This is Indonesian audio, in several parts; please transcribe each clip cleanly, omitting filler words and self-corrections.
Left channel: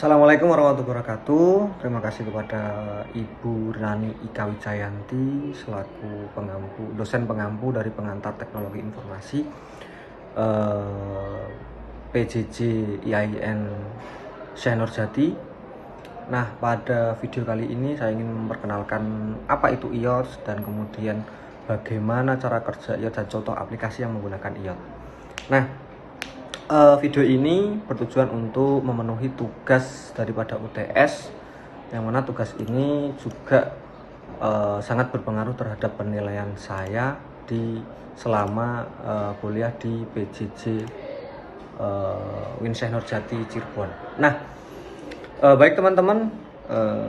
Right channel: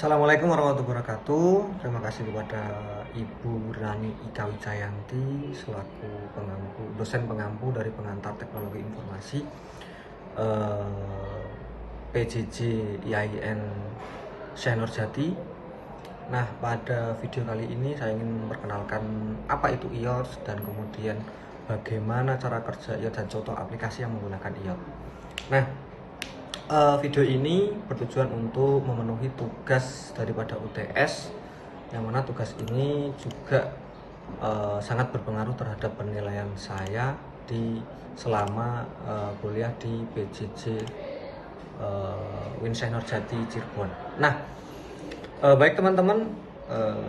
Assalamualaikum warahmatullahi wabarakatuh. Terima kasih kepada Ibu Rani Ika Wijayanti selaku dosen pengampu dari pengantar teknologi informasi PJJ IAIN Syekh Nurjati. Nah, pada video kali ini saya ingin memperkenalkan apa itu IOTS dan kemudian bagaimana cara kerja IOTS dan contoh aplikasi yang menggunakan IOTS. Nah, video ini bertujuan untuk memenuhi tugas daripada UTS, yang mana tugas ini juga sangat berpengaruh terhadap penilaian saya selama kuliah di PJJ UIN Syekh Nurjati Cirebon. Nah, baik teman-teman,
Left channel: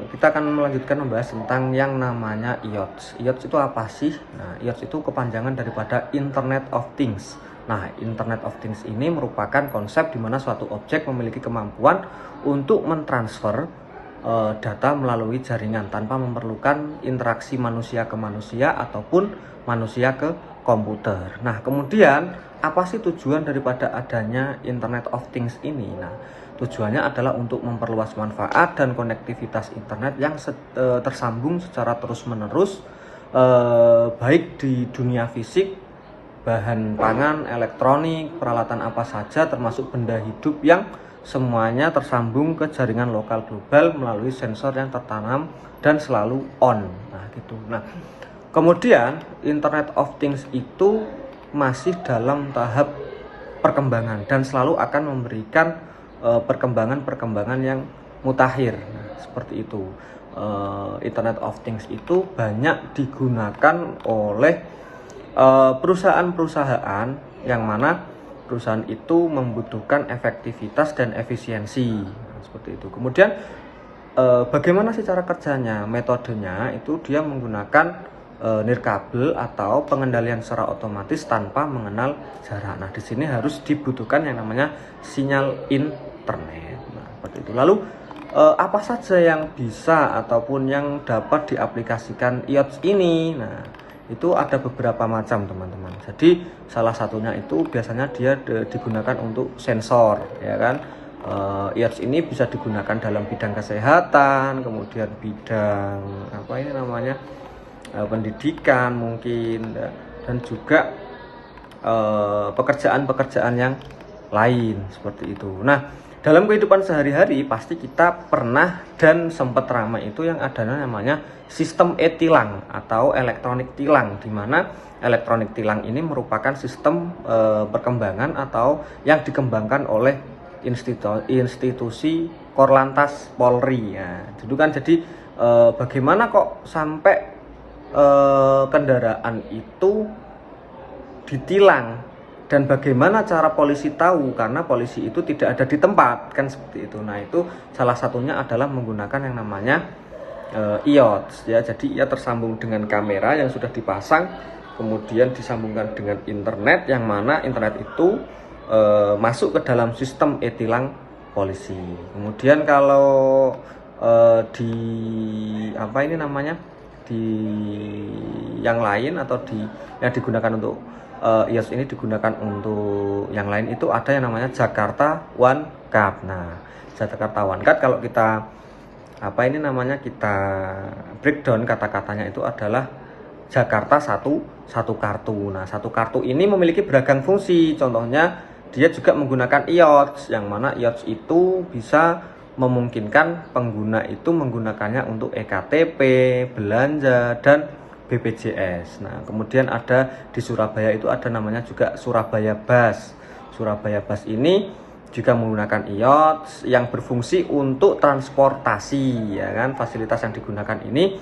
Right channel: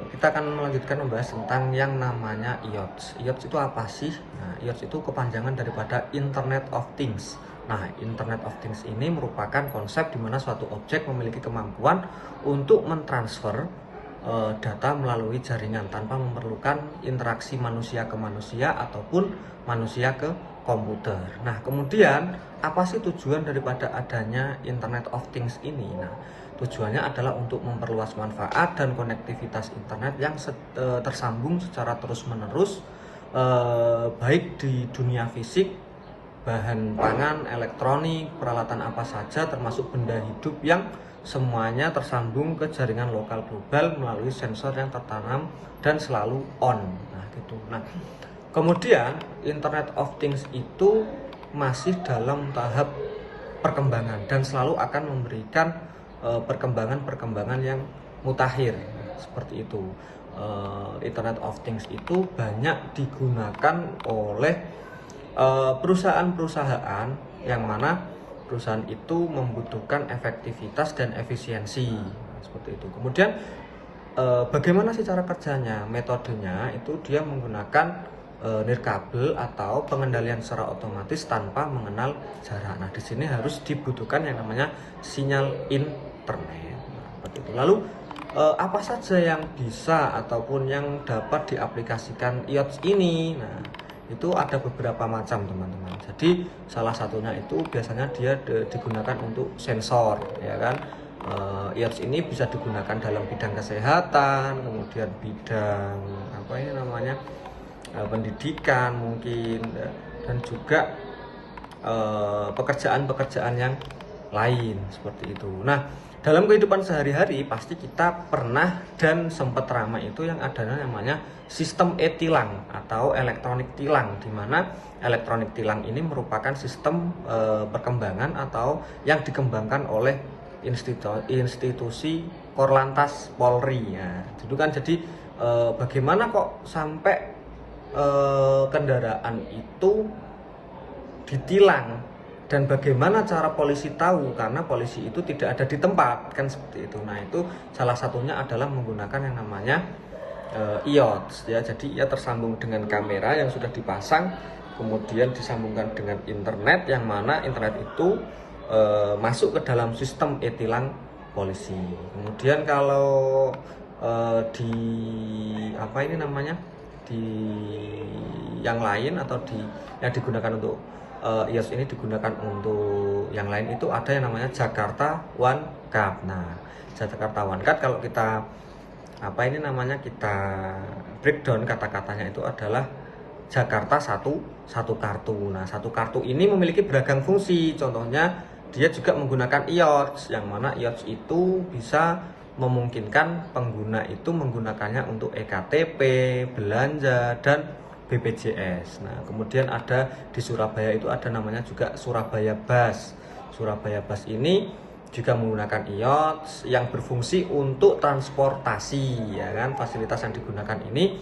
kita akan melanjutkan membahas tentang yang namanya IOTS. IOTS itu apa sih? Nah, IOTS itu kepanjangan daripada Internet of Things. Nah, Internet of Things ini merupakan konsep di mana suatu objek memiliki kemampuan untuk mentransfer data melalui jaringan tanpa memerlukan interaksi manusia ke manusia ataupun manusia ke komputer. Nah, kemudian apa sih tujuan daripada adanya Internet of Things ini? Nah, tujuannya adalah untuk memperluas manfaat dan konektivitas internet yang tersambung secara terus-menerus, baik di dunia fisik, bahan pangan, elektronik, peralatan apa saja termasuk benda hidup yang semuanya tersambung ke jaringan lokal global melalui sensor yang tertanam dan selalu on. Nah, gitu. Nah, kemudian Internet of Things itu masih dalam tahap perkembangan dan selalu akan memberikan perkembangan-perkembangan yang mutakhir. Nah, seperti itu. Internet of Things itu banyak digunakan oleh perusahaan-perusahaan yang mana perusahaan itu membutuhkan efektivitas dan efisiensi. Nah, seperti itu. Kemudian bagaimana sih cara kerjanya? Metodenya itu dia menggunakan nirkabel atau pengendalian secara otomatis tanpa mengenal jarak. Nah, di sini harus dibutuhkan yang namanya sinyal internet. Nah, seperti itu. Lalu apa saja yang bisa ataupun yang dapat diaplikasikan IOTS ini? Nah, itu ada beberapa macam teman-teman. Jadi salah satunya itu biasanya dia digunakan untuk sensor, ya kan. IOTS ini bisa digunakan dalam bidang kesehatan, kemudian bidang apa ini namanya pendidikan mungkin, dan juga pekerjaan-pekerjaan yang lain seperti itu. Nah, dalam kehidupan sehari-hari pasti kita pernah dan sempat ramai itu yang ada namanya sistem e-tilang atau elektronik tilang, di mana elektronik tilang ini merupakan sistem perkembangan atau yang dikembangkan oleh institusi Korlantas Polri ya. Itu kan jadi bagaimana kok sampai kendaraan itu ditilang dan bagaimana cara polisi tahu, karena polisi itu tidak ada di tempat kan seperti itu. Nah, itu salah satunya adalah menggunakan yang namanya IOTS ya. Jadi ia tersambung dengan kamera yang sudah dipasang, kemudian disambungkan dengan internet, yang mana internet itu masuk ke dalam sistem e-tilang polisi. Kemudian kalau di apa ini namanya di yang lain atau yang digunakan untuk IOTS ini digunakan untuk yang lain itu ada yang namanya Jakarta One Card. Nah, Jakarta One Card kalau kita apa ini namanya kita breakdown kata-katanya itu adalah Jakarta satu kartu. Nah, satu kartu ini memiliki beragam fungsi. Contohnya dia juga menggunakan IOTS, yang mana IOTS itu bisa memungkinkan pengguna itu menggunakannya untuk ektp, belanja, dan BPJS. Nah, kemudian ada di Surabaya itu ada namanya juga Surabaya Bus. Surabaya Bus ini juga menggunakan IOTS yang berfungsi untuk transportasi, ya kan. Fasilitas yang digunakan ini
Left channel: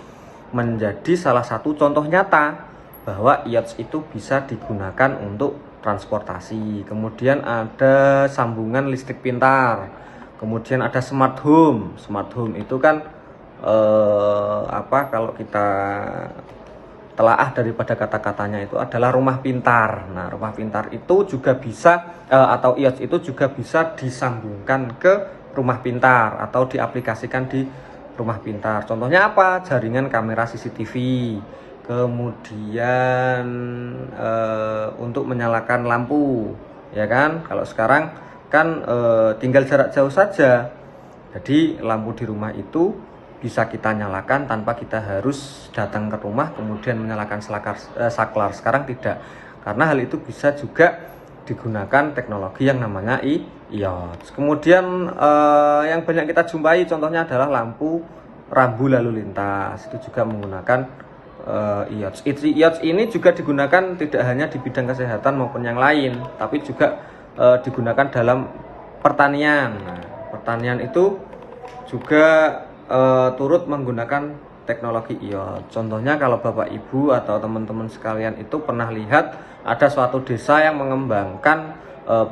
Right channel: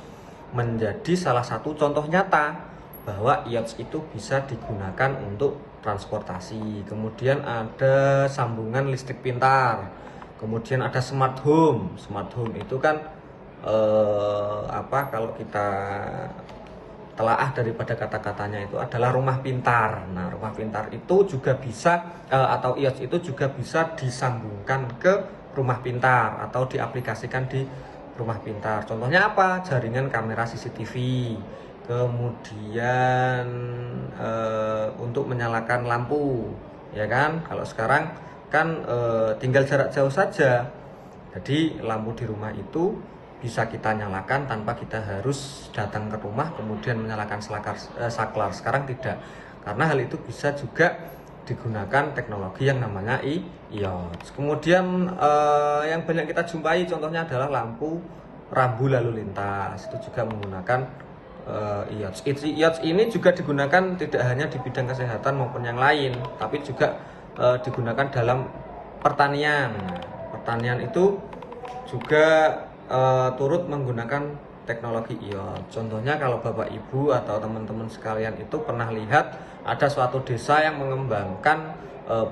menjadi salah satu contoh nyata bahwa IOTS itu bisa digunakan untuk transportasi. Kemudian ada sambungan listrik pintar. Kemudian ada smart home. Smart home itu kan kalau kita telaah daripada kata-katanya itu adalah rumah pintar. Nah, rumah pintar itu juga bisa atau IOTS itu juga bisa disambungkan ke rumah pintar atau diaplikasikan di rumah pintar. Contohnya apa? Jaringan kamera CCTV. Kemudian untuk menyalakan lampu, ya kan? Kalau sekarang kan tinggal jarak jauh saja Jadi lampu di rumah itu bisa kita nyalakan tanpa kita harus datang ke rumah kemudian menyalakan saklar. Sekarang tidak, karena hal itu bisa juga digunakan teknologi yang namanya iOS. Kemudian yang banyak kita jumpai contohnya adalah lampu rambu lalu lintas, itu juga menggunakan iOS. iOS ini juga digunakan tidak hanya di bidang kesehatan maupun yang lain, tapi juga digunakan dalam pertanian. Nah, pertanian itu juga turut menggunakan teknologi iOS. Contohnya kalau Bapak Ibu atau teman-teman sekalian itu pernah lihat ada suatu desa yang mengembangkan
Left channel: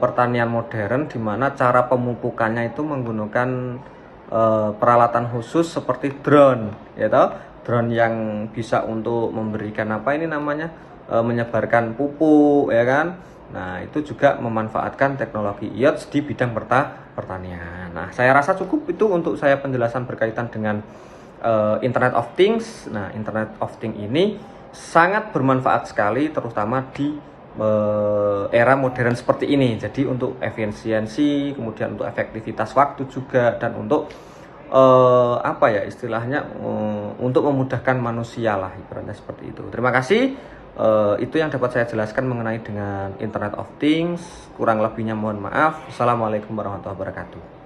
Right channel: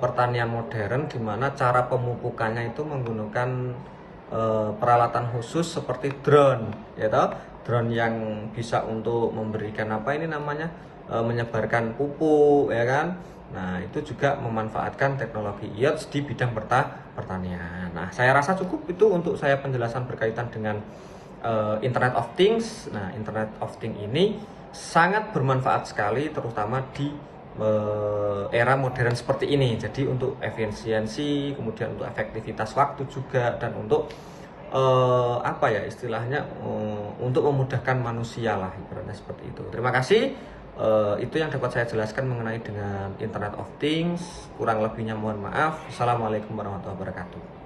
pertanian modern di mana cara pemupukannya itu menggunakan peralatan khusus seperti drone, ya toh? Drone yang bisa untuk memberikan apa ini namanya menyebarkan pupuk, ya kan? Nah, itu juga memanfaatkan teknologi iOS di bidang pertanian. Nah, saya rasa cukup itu untuk saya penjelasan berkaitan dengan Internet of Things. Nah, Internet of Things ini sangat bermanfaat sekali, terutama di era modern seperti ini. Jadi untuk efisiensi, kemudian untuk efektivitas waktu juga, dan untuk apa ya istilahnya, untuk memudahkan manusia lah, ibaratnya seperti itu. Terima kasih. Itu yang dapat saya jelaskan mengenai dengan Internet of Things. Kurang lebihnya mohon maaf. Assalamualaikum warahmatullahi wabarakatuh.